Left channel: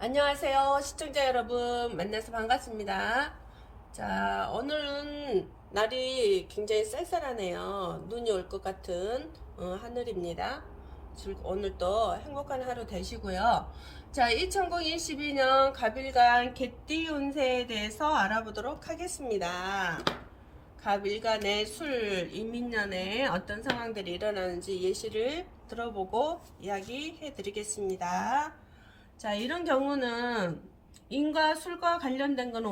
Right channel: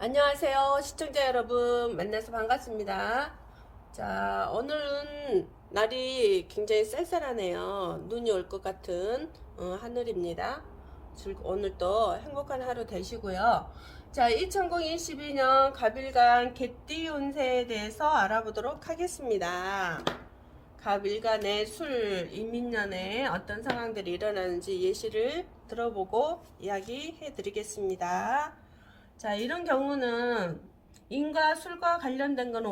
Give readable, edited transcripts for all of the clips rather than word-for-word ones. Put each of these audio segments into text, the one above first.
안녕하세요. 시청자 여러분 만나서 반갑습니다. 자, 오늘은 날이 굉장히 쌀쌀하네요. 눈이 올 것 같은 하늘입니다. 오늘도 행복한 하루 되시고요. 자, 2022년 갑일간 개띠 운세에 대해서 알아보도록 하겠습니다. 갑일간의 술, 이민년에 어떤 상황들이 일어나는지 예시를 들어보고 이야기해 드리겠습니다. 자, 이런 경우는 인과 술과 관련된 거는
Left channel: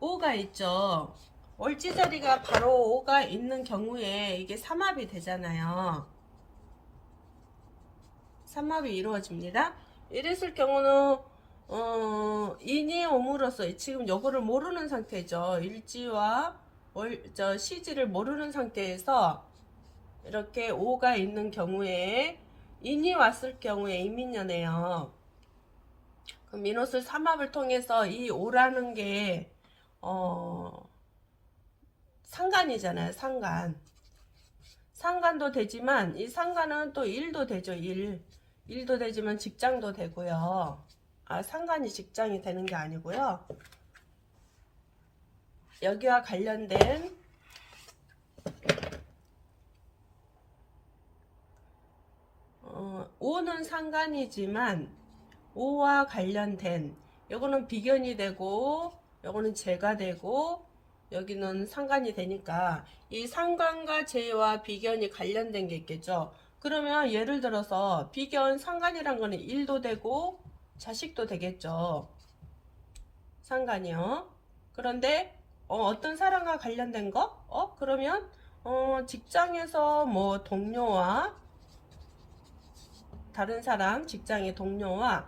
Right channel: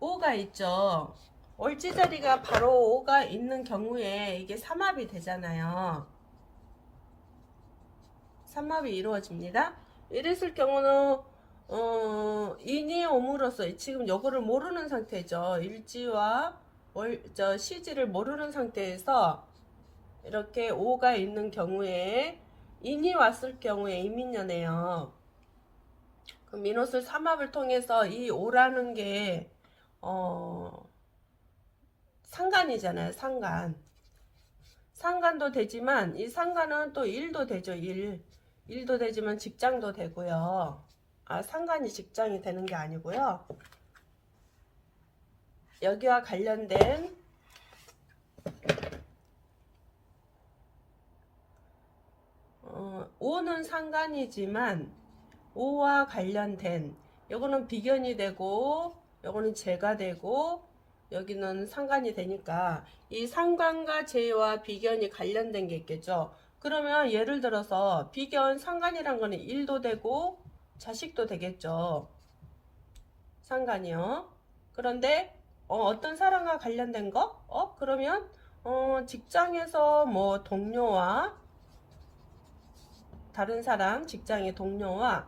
오가 있죠. 올지자리가 바로 오가 있는 경우에 이게 삼합이 되잖아요. 삼합이 이루어집니다. 이랬을 경우는 인이 옴으로써 지금 요거를 모르는 상태죠. 일지와 시지를 모르는 상태에서 이렇게 오가 있는 경우에 인이 왔을 경우에 이민년이에요. 그 민옷을 삼합을 통해서 이 오라는 게 상간이잖아요. 상간도 되지만 이 상간은 또 일도 되죠. 일도 되지만 직장도 되고요. 상간이 직장이 되는 게 아니고요. 여기와 관련된 오는 상간이지만 오와 관련된 요거는 비견이 되고 요거는 재가 되고 여기는 상간이 되니까 이 상간과 재와 비견이 관련된 게 있겠죠. 그러면 예를 들어서 비견 상간이란 거는 일도 되고 자식도 되겠죠. 상간이요. 그런데 어떤 사람과 관련된 거? 그러면 직장에서 뭐 동료와 다른 사람, 직장의 동료와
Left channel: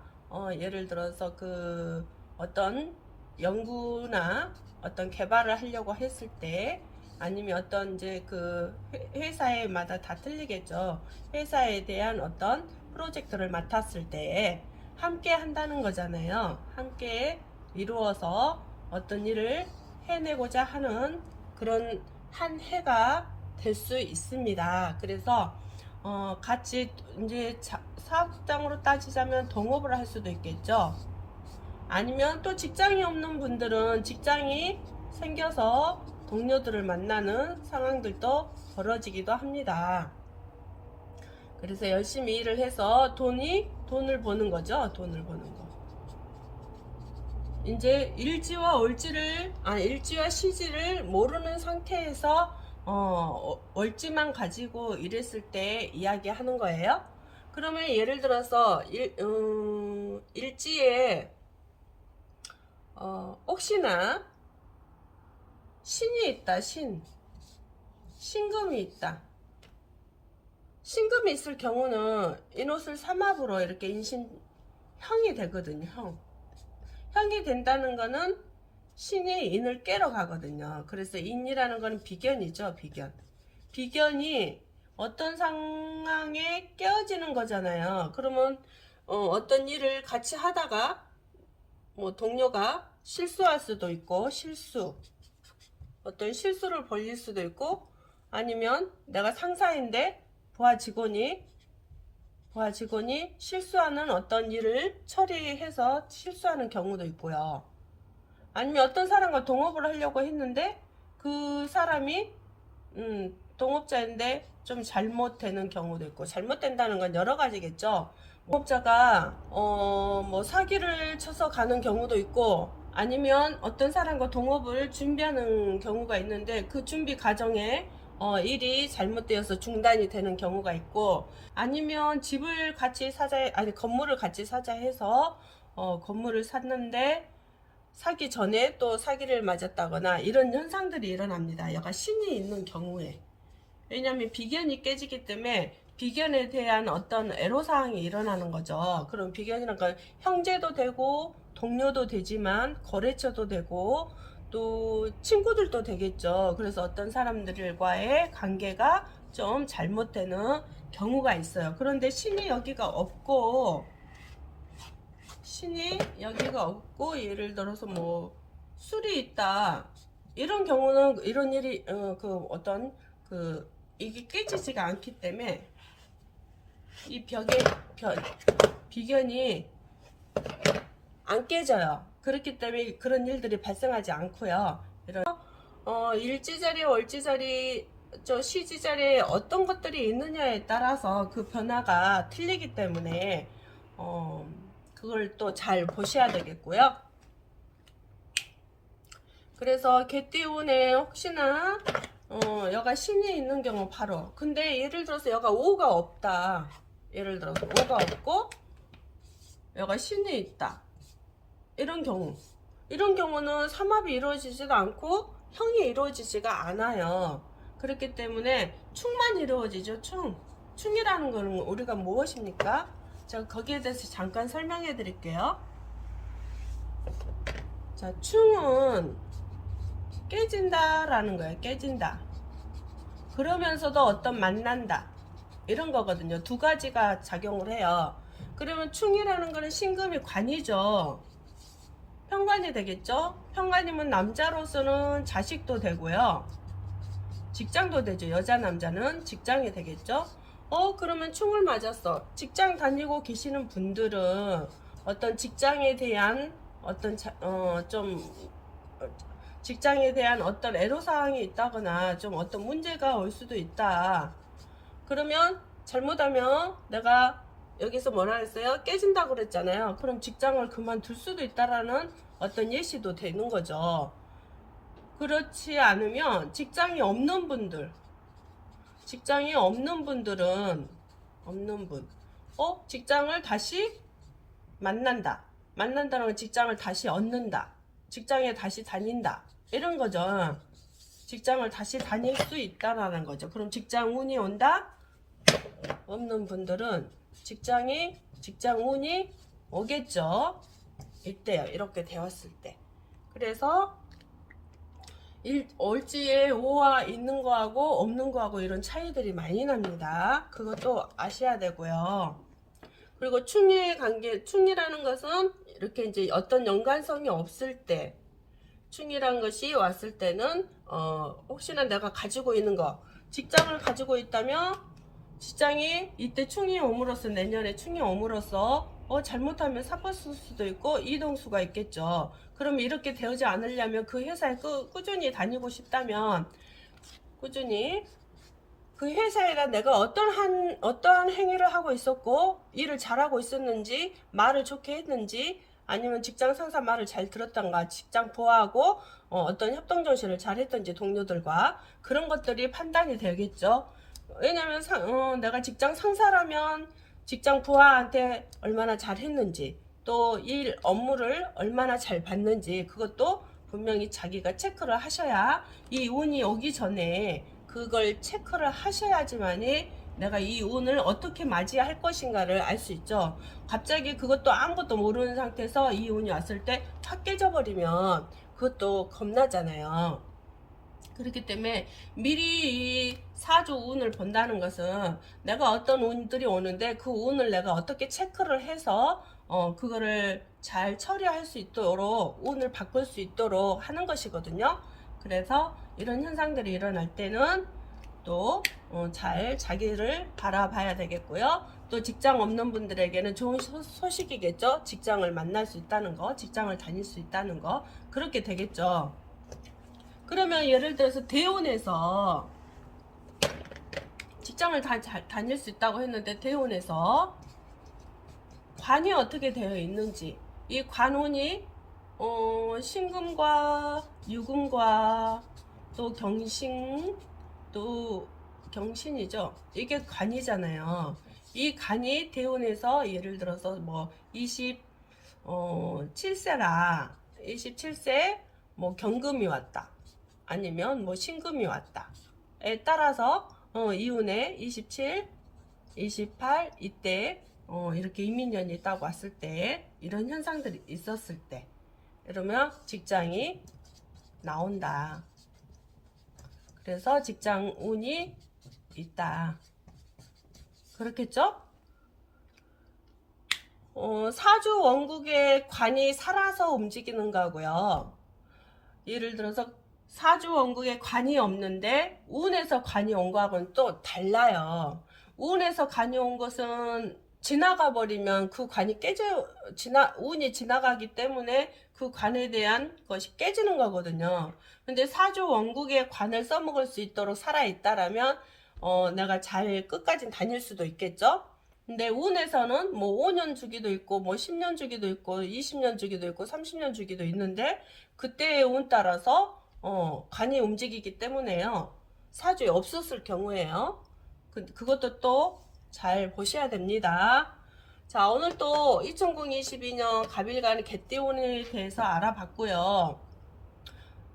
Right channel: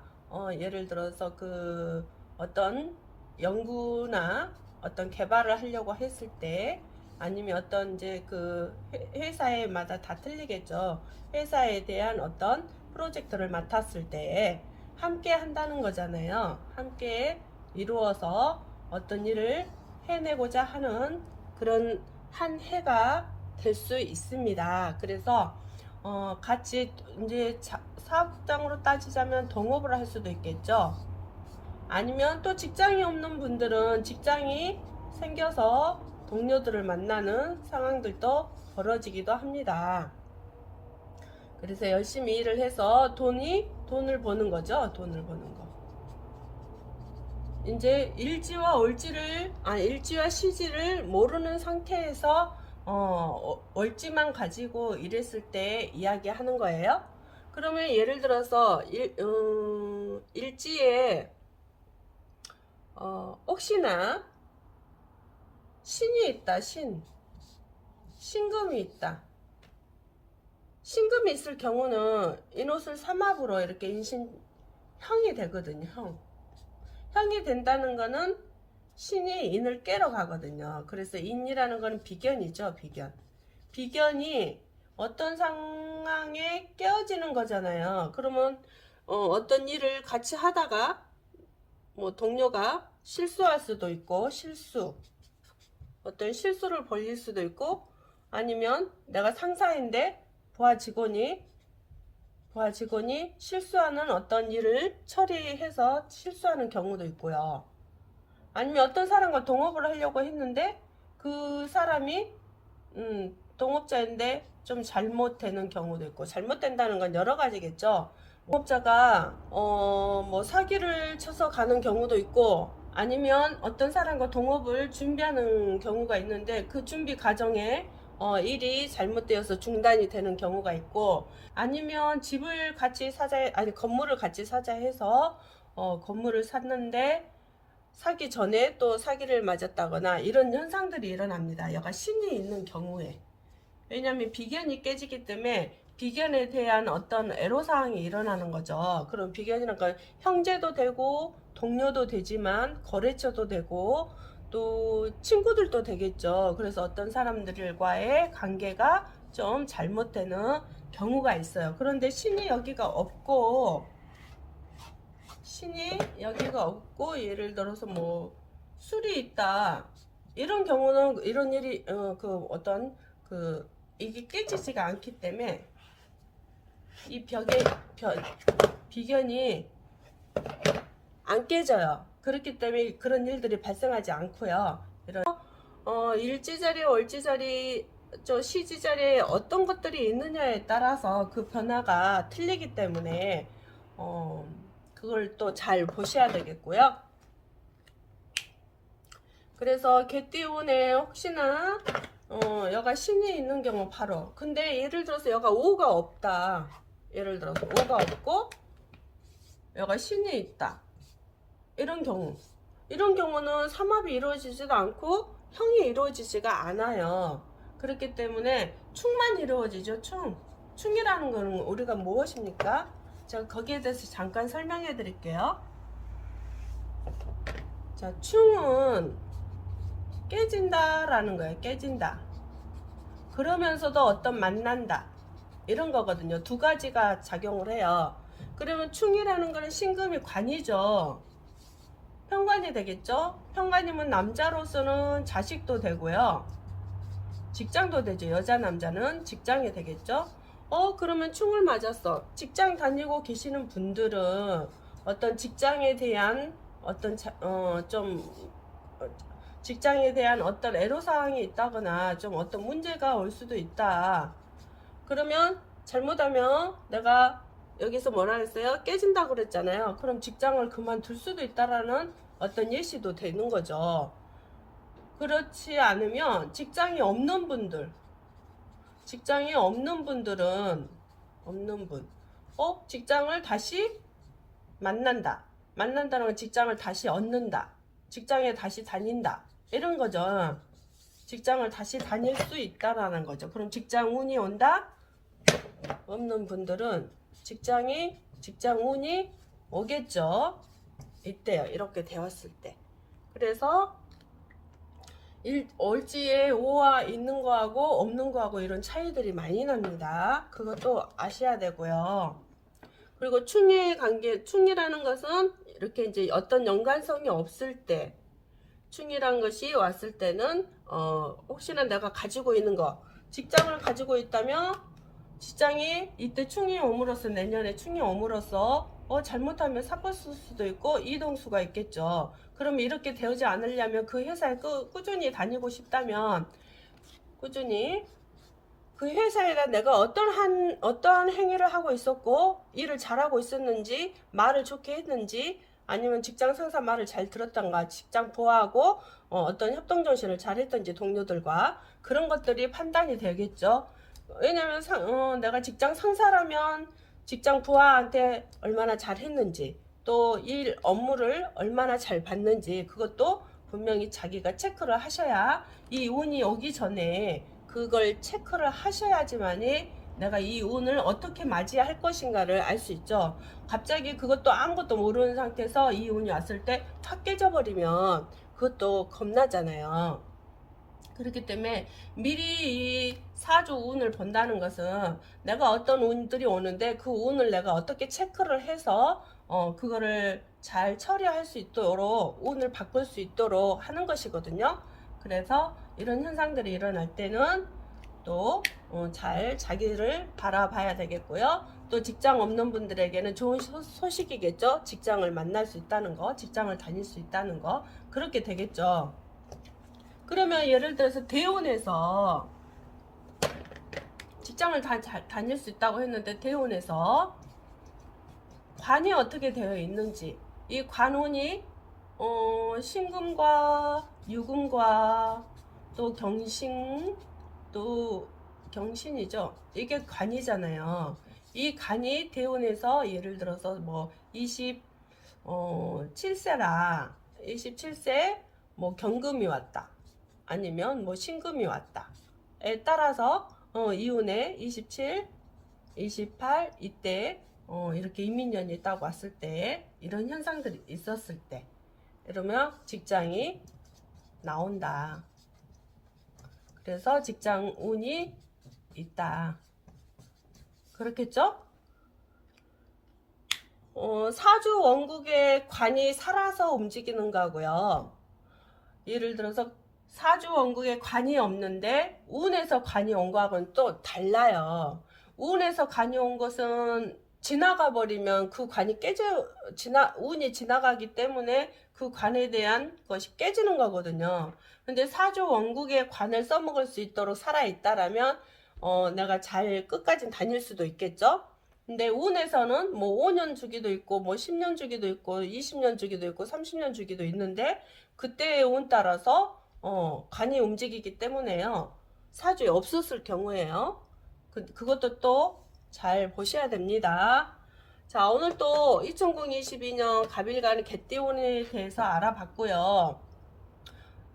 예를 들어서 그 어떤 연구나 어떤 개발을 하려고 했을 때 아니면 어떤 이제 그 회사에마다 다 틀리겠죠. 회사에 대한 어떤 프로젝트를 맡았을 때 함께 한다는 거잖아요. 함께 이루어서 어떤 일을 해내고자 하는 그런 한 해가 될 수 있습니다. 그래서 같이 이제 사업장으로 따지자면 동업을 할 수도 있겠죠. 아니면 또 직장이 없는 분들은 직장이 생겨서 동료들을 만나는 상황들도 벌어지기도 합니다. 그래서 열심히 일을 해서 돈을 버는 거죠. 돈을 버는 거. 이제 일지와 시지를 모르는 상태에서 월지만 가지고 일했을 때 이야기하는 거예요. 그러면 예를 들어서 일지에 혹시나 신이 있다. 신금이 있다. 신금이 있을 경우는 인옷을 삼합으로 이렇게 형이 되거든요. 형이 된다는 거는 신이 인을 깨러 가거든요. 그래서 인이라는 거는 비견이죠. 비견이 어떤 상황에 깨어지는 거잖아요. 그러면 어떤 일을 같이 하다가 뭐 동료가 실수할 수도 있고 어떤 실수를 벌릴 수도 있고 아니면 내가 상사인데 부하 직원이 실수하는 어떤 일을 처리해서 실수하는 경우도 있고요. 아니면 어떤 사람과 동업을 하려고 했는데 그 사람이 동업자인데 좀 잘못되는 경우도 있고 잘못된다는 건 여러 가지겠죠. 동업자가 뭐 사기를 쳐서 가는 경우도 있고 아니면 어떤 사람과 동업을 준비하는 경우가 있는데 그 준비 과정에 일이 잘못되어서 중단이 되는 경우가 있고 아니면 건물을 같이 사자 해서 건물을 샀는데 사기 전에 또 사기를 맞았다거나 이런 현상들이 일어납니다. 여가 신이 있는 경우에. 왜냐하면 비견이 깨지기 때문에 비견에 대한 어떤 애로사항이 일어나는 거죠. 그럼 비견이란 건 형제도 되고 동료도 되지만 거래처도 되고 또 친구들도 되겠죠. 그래서 어떤 사람들과의 관계가 좀 잘못되는 경우가 있어요. 그런데 신이 여기가 없고 예를 들어서 뭐 술이 있다 이런 경우는 이런 일이 이게 깨지지가 않기 때문에 이 비견이 안 깨져요. 그렇기 때문에 그런 일들이 발생하지 않고요. 이런 일지자리, 월지자리, 시지자리에 어떤 것들이 있느냐에 따라서 그 변화가 틀리기 때문에 그걸 또 잘 보셔야 되겠고요. 그래서 개띠운에 혹시나 여가 신이 있는 경우 바로, 근데 예를 들어서 여가 5가 없다, 예를 들어서 5가 없고 여가 신이 있다, 이런 경우는 삼합이 이루어지지도 않고 형이 이루어지지가 않아요. 그렇기 때문에 충만 이루어지죠. 충이라는 것은 우리가 무엇입니까? 제가 거기에 대해서 잠깐 설명해 드릴게요. 자, 충은 깨진다라는 거예요. 깨진다. 그러면서도 어떤 만난다, 이런 거거든요. 두 가지가 작용을 해요. 그러면 충이라는 거는 신금이 관이죠. 편관이 되겠죠. 편관이면 남자로서는 자식도 되고요, 직장도 되죠. 여자 남자는 직장이 되겠죠. 그러면 충을 맞았어. 직장 다니고 계시는 분들은 어떤 직장에 대한 직장에 대한 어떤 애로사항이 있다거나 좀 어떤 문제가 올 수도 있다. 그러면 잘못하면 내가 여기서 뭐라 했어요? 깨진다 그랬잖아요. 그럼 직장을 그만둘 수도 있다라는 어떤 예시도 되는 거죠. 그렇지 않으면 직장이 없는 분들은 직장을 다시 만난다는 건 직장을 다시 얻는다, 직장에 다시 다닌다, 이런 거죠. 직장을 다시 다닐 수 있다라는 거죠. 그럼 직장 운이 온다? 없는 분들은 직장 운이 오겠죠. 이때요. 이렇게 되었을 때. 그래서 얼지에 5와 있는 거하고 없는 거하고 이런 차이들이 많이 납니다. 그것도 아셔야 되고요. 그리고 충이라는 것은 이렇게 이제 어떤 연관성이 없을 때, 충이란 것이 왔을 때는 혹시나 내가 가지고 있는 거, 직장을 가지고 있다면 직장이 이때 충이 옴으로써, 내년에 충이 옴으로써 잘못하면 사포쓸 수도 있고 이동수가 있겠죠. 그러면 이렇게 되지 않으려면 그 회사에 꾸준히 다니고 싶다면 꾸준히 그 회사에다 내가 어떠한 행위를 하고 있었고 일을 잘하고 있었는지, 말을 좋게 했는지, 아니면 직장 상사 말을 잘 들었던가, 직장 부하하고 어떤 협동정신을 잘 했던지, 동료들과 그런 것들이 판단이 되겠죠. 왜냐면 내가 직장 상사라면 직장 부하한테 얼마나 잘 했는지, 또 일 업무를 얼마나 잘 봤는지, 그것도 분명히 자기가 체크를 하셔야, 이 운이 오기 전에 그걸 체크를 하셔야지만이 내가 이 운을 어떻게 맞이할 것인가를 알 수 있죠. 갑자기 그것도 아무것도 모르는 상태에서 이 운이 왔을 때 확 깨져버리면 그것도 겁나잖아요. 그렇기 때문에 미리 이 사주 운을 본다는 것은 내가 어떤 운들이 오는데 그 운을 내가 어떻게 체크를 해서 그거를 잘 처리할 수 있도록, 운을 바꿀 수 있도록 하는 것이거든요. 그래서 이런 현상들이 일어날 때는 또 잘 자기를 바라봐야 되겠고요. 또 직장 없는 분들에게는 좋은 소식이겠죠. 직장을 만날 수 있다는 거, 직장을 다닐 수 있다는 거, 그렇게 되겠죠. 그러면 예를 들어서 대원에서 직장을 다닐 수 있다고 했는데, 대원에서 관이 어떻게 되어 있는지, 이 관운이 신금과 유금과 또 경신이죠. 이게 관이잖아요. 이 관이 대운에서 예를 들어서 뭐 27세라 뭐 경금이 왔다, 아니면 뭐 신금이 왔다에 따라서 이운에 27, 28 이때 이렇게 이민년이 딱 왔을 때, 이런 현상들이 있었을 때, 이러면 직장이 나온다. 그래서 직장 운이 있다. 그렇겠죠? 사주 원국의 관이 살아서 움직이는 거고요. 예를 들어서 사주 원국에 관이 없는데 운에서 관이 온 거하고는 또 달라요. 운에서 간이 온 것은 지나가 버리면 그 관이 운이 지나가기 때문에 그 관에 대한 것이 깨지는 거거든요. 근데 사주 원국에 관을 써먹을 수 있도록 살아있다라면 내가 잘 끝까지 다닐 수도 있겠죠. 근데 운에서는 뭐 5년 주기도 있고 뭐 10년 주기도 있고 20년 주기도 있고 30년 주기도 있는데 그때의 운 따라서 관이 움직이기 때문에요. 사주에 없었을 경우에요. 그것도 또 잘 보셔야 됩니다. 자, 오늘 또 2022년 갑일간 개띠운에 대해서 알아봤고요.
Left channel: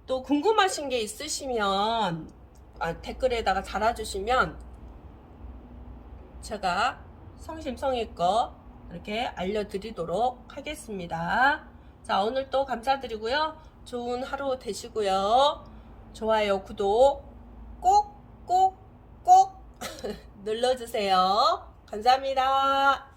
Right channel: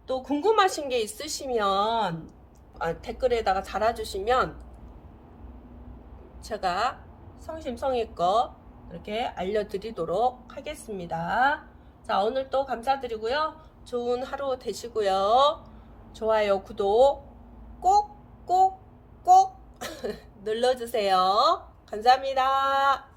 또 궁금하신 게 있으시면 댓글에다가 달아주시면 제가 성심성의껏 이렇게 알려드리도록 하겠습니다. 자, 오늘 또 감사드리고요. 좋은 하루 되시고요. 좋아요, 구독 꼭 눌러주세요. 감사합니다.